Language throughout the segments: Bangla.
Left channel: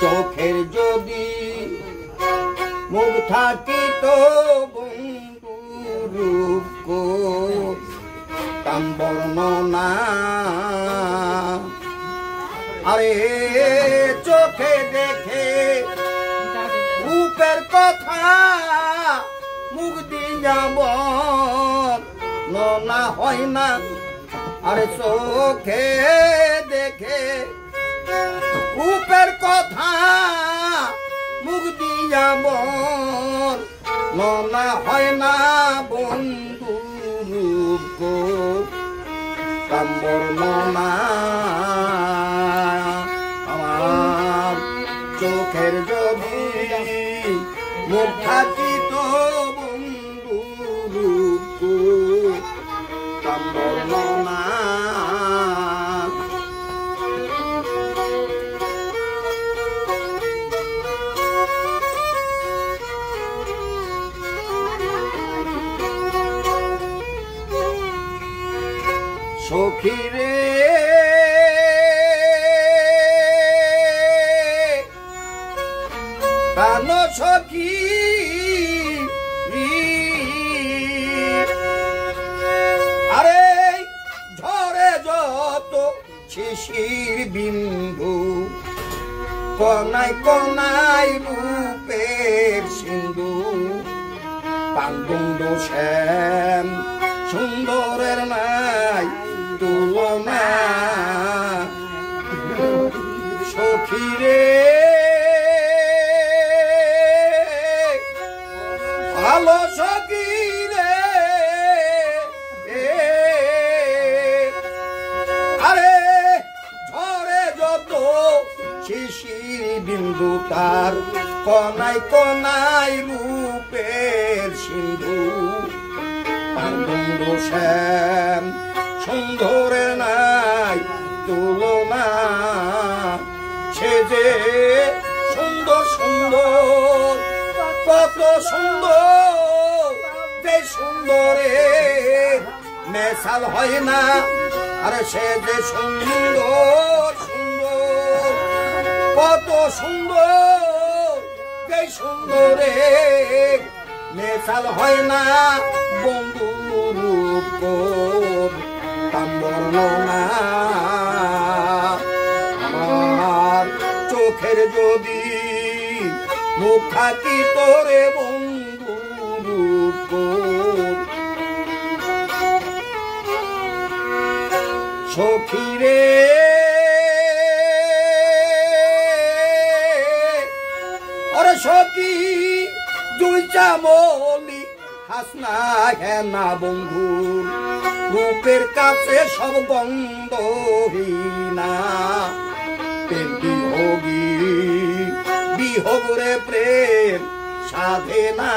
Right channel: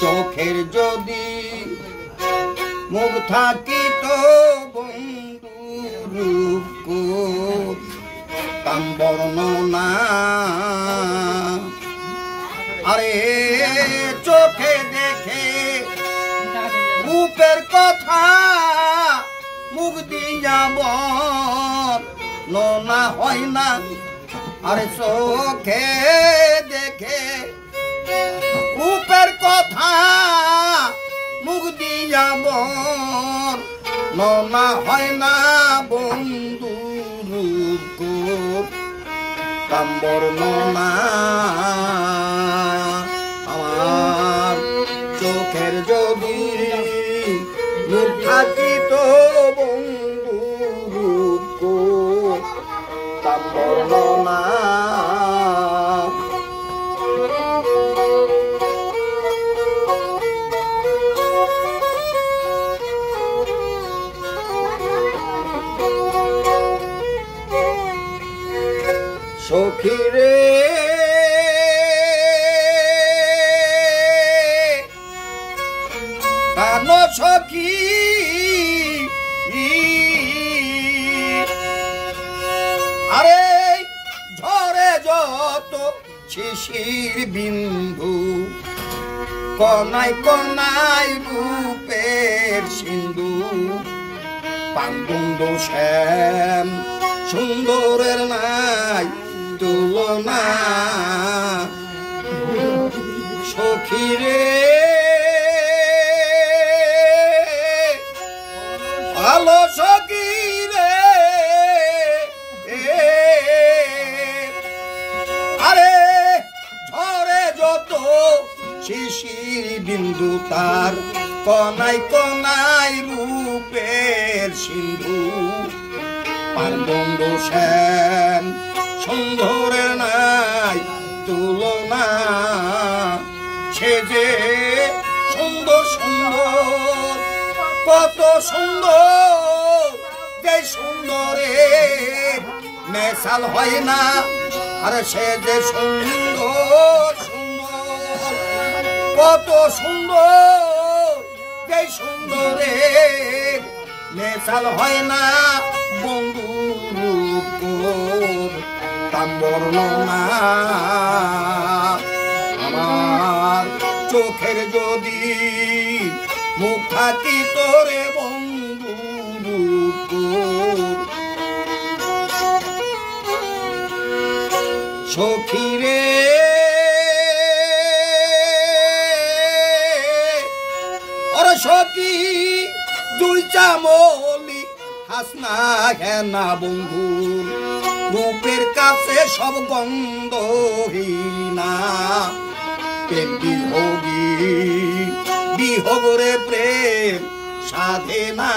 চোখের যদি মুখ থাকিত বন্ধু রূপ তাম বর্ণনা আরে চোখে দেখে রূপের কথা মুখ দিয়া বর্ণনা হয় না আরে চোখে দেখে রূপের কথা মুখ দিয়া বর্ণনা হয় না বন্ধু রূপ তাম বর্ণনা আমার চোখের যদি মুখ থাকিত বন্ধু রূপ তাম বর্ণনা সখীরে কান সখী আরে ঝরে যত শিশির বিন্দু কনাই কনাই রূপের সিন্ধু পান্ডু শ্যাম সুন্দরের নাই তুলনা সখীরে ভালো সখীরে আরে ঝরে যত শিশির বিন্দু তার কনাই কনাই রূপের সিন্ধু পান্ডু শ্যাম সুন্দরের নাই তুলনা সে যে সুন্দর সুন্দর কত সুন্দর যে সুন্দরের মেশাল হয় না আরে সে যে সুন্দর সুন্দর কত সুন্দর যে সুন্দরের মেশাল হয় না বন্ধু রূপ তাম বর্ণনা আমার চোখের যদি মুখ থাকি তোরে বন্ধু রূপ সখীরে ওরে সখী দুই চামলি হাসনা হেনা বন্ধু রূপের কাছে সব গন্ধহীনা প্রেম বিহোগী বিহোগরে প্রেম সাধে না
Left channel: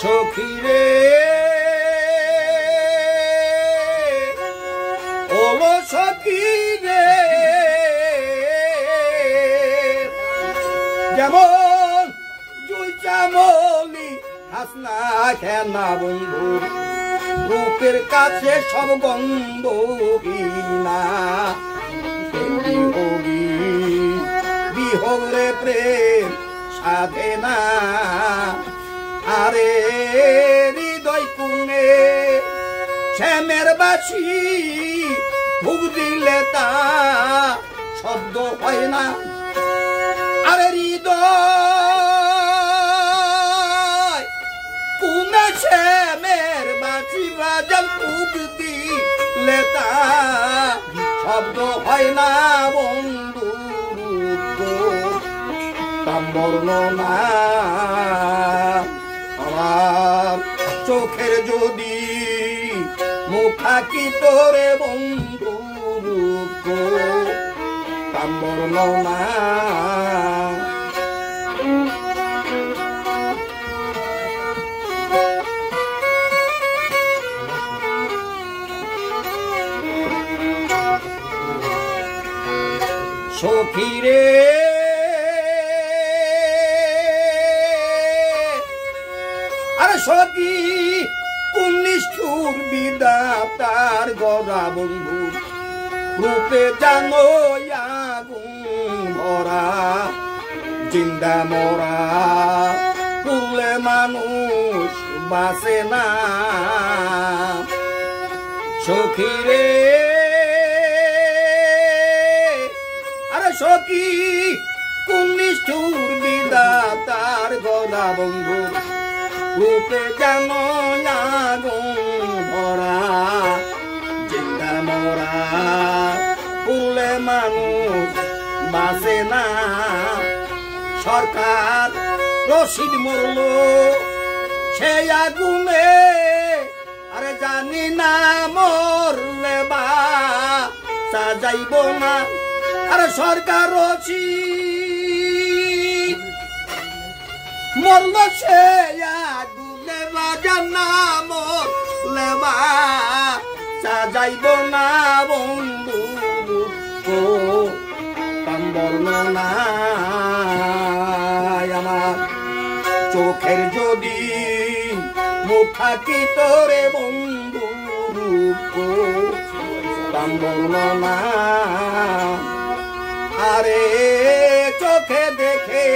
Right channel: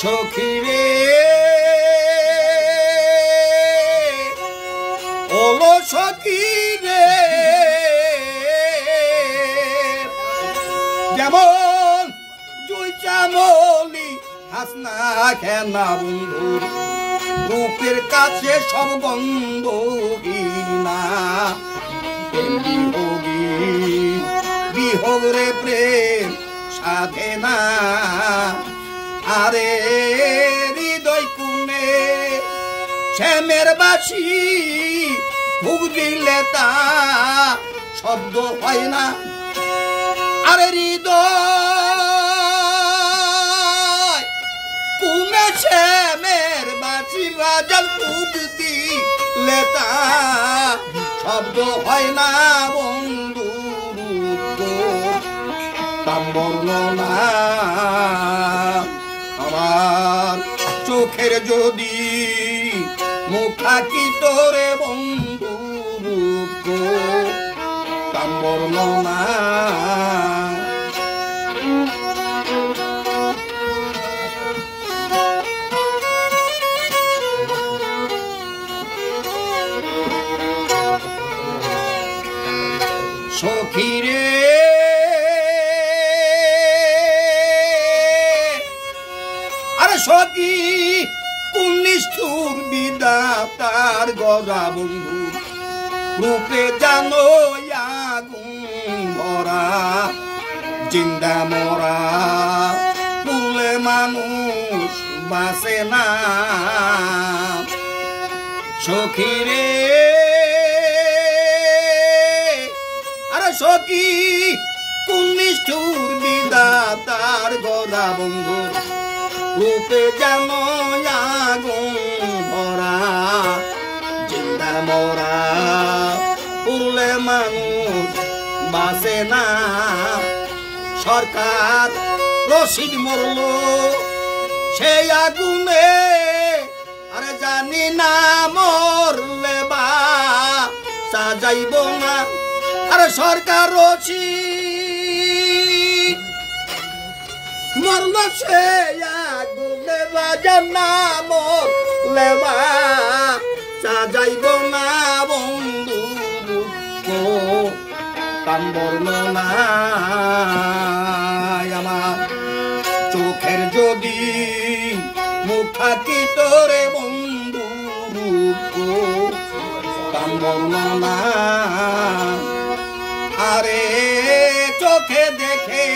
সখীরে ওলো সখীরে যেমন দুই চামলি হাসনা খেনা বন্ধু রূপের কাছে সব গন্ধহীনা বিহোগী বিহোগরে প্রেম সাধে না আরে হৃদয় কুনে শ্যামের বাসি ভুগ দিলে তা শব্দ হয় না আরে হৃদয় কুনে শ্যামের বাসি বাজাল ভুগ দিলে তা শব্দ হয় না বন্ধু তাম বর্ণনা আমার চোখের যদি মুখ থাকি তোরে বন্ধু রূপ তাম বর্ণনা সখীরে আরে সখী পুণ্যিষ্ঠুর বিধাতার গজা বন্ধু রূপে জানো আগুন জিন্দা মরা পুরলে মানুষ বাঁচে না সখী রে আরে সখী কোন নিষ্ঠুর বিধাতার গদা বন্ধু রূপে যেন আগুন ভরা জিন্দা মরা পুরলে মানুষ বাঁচে না সরকার রশিদ মরল সেই আগুনে আরে জানি না মরলে বা সাজাইব না আরে সরকার রশিদ মরল সেই আগুনে বাজান না মরলে বা সাজাইব না বন্ধু কান্দল না আমার চোখের যদি মুখ থাকি তোরে বন্ধু কান্দল না আরে চোখে দেখে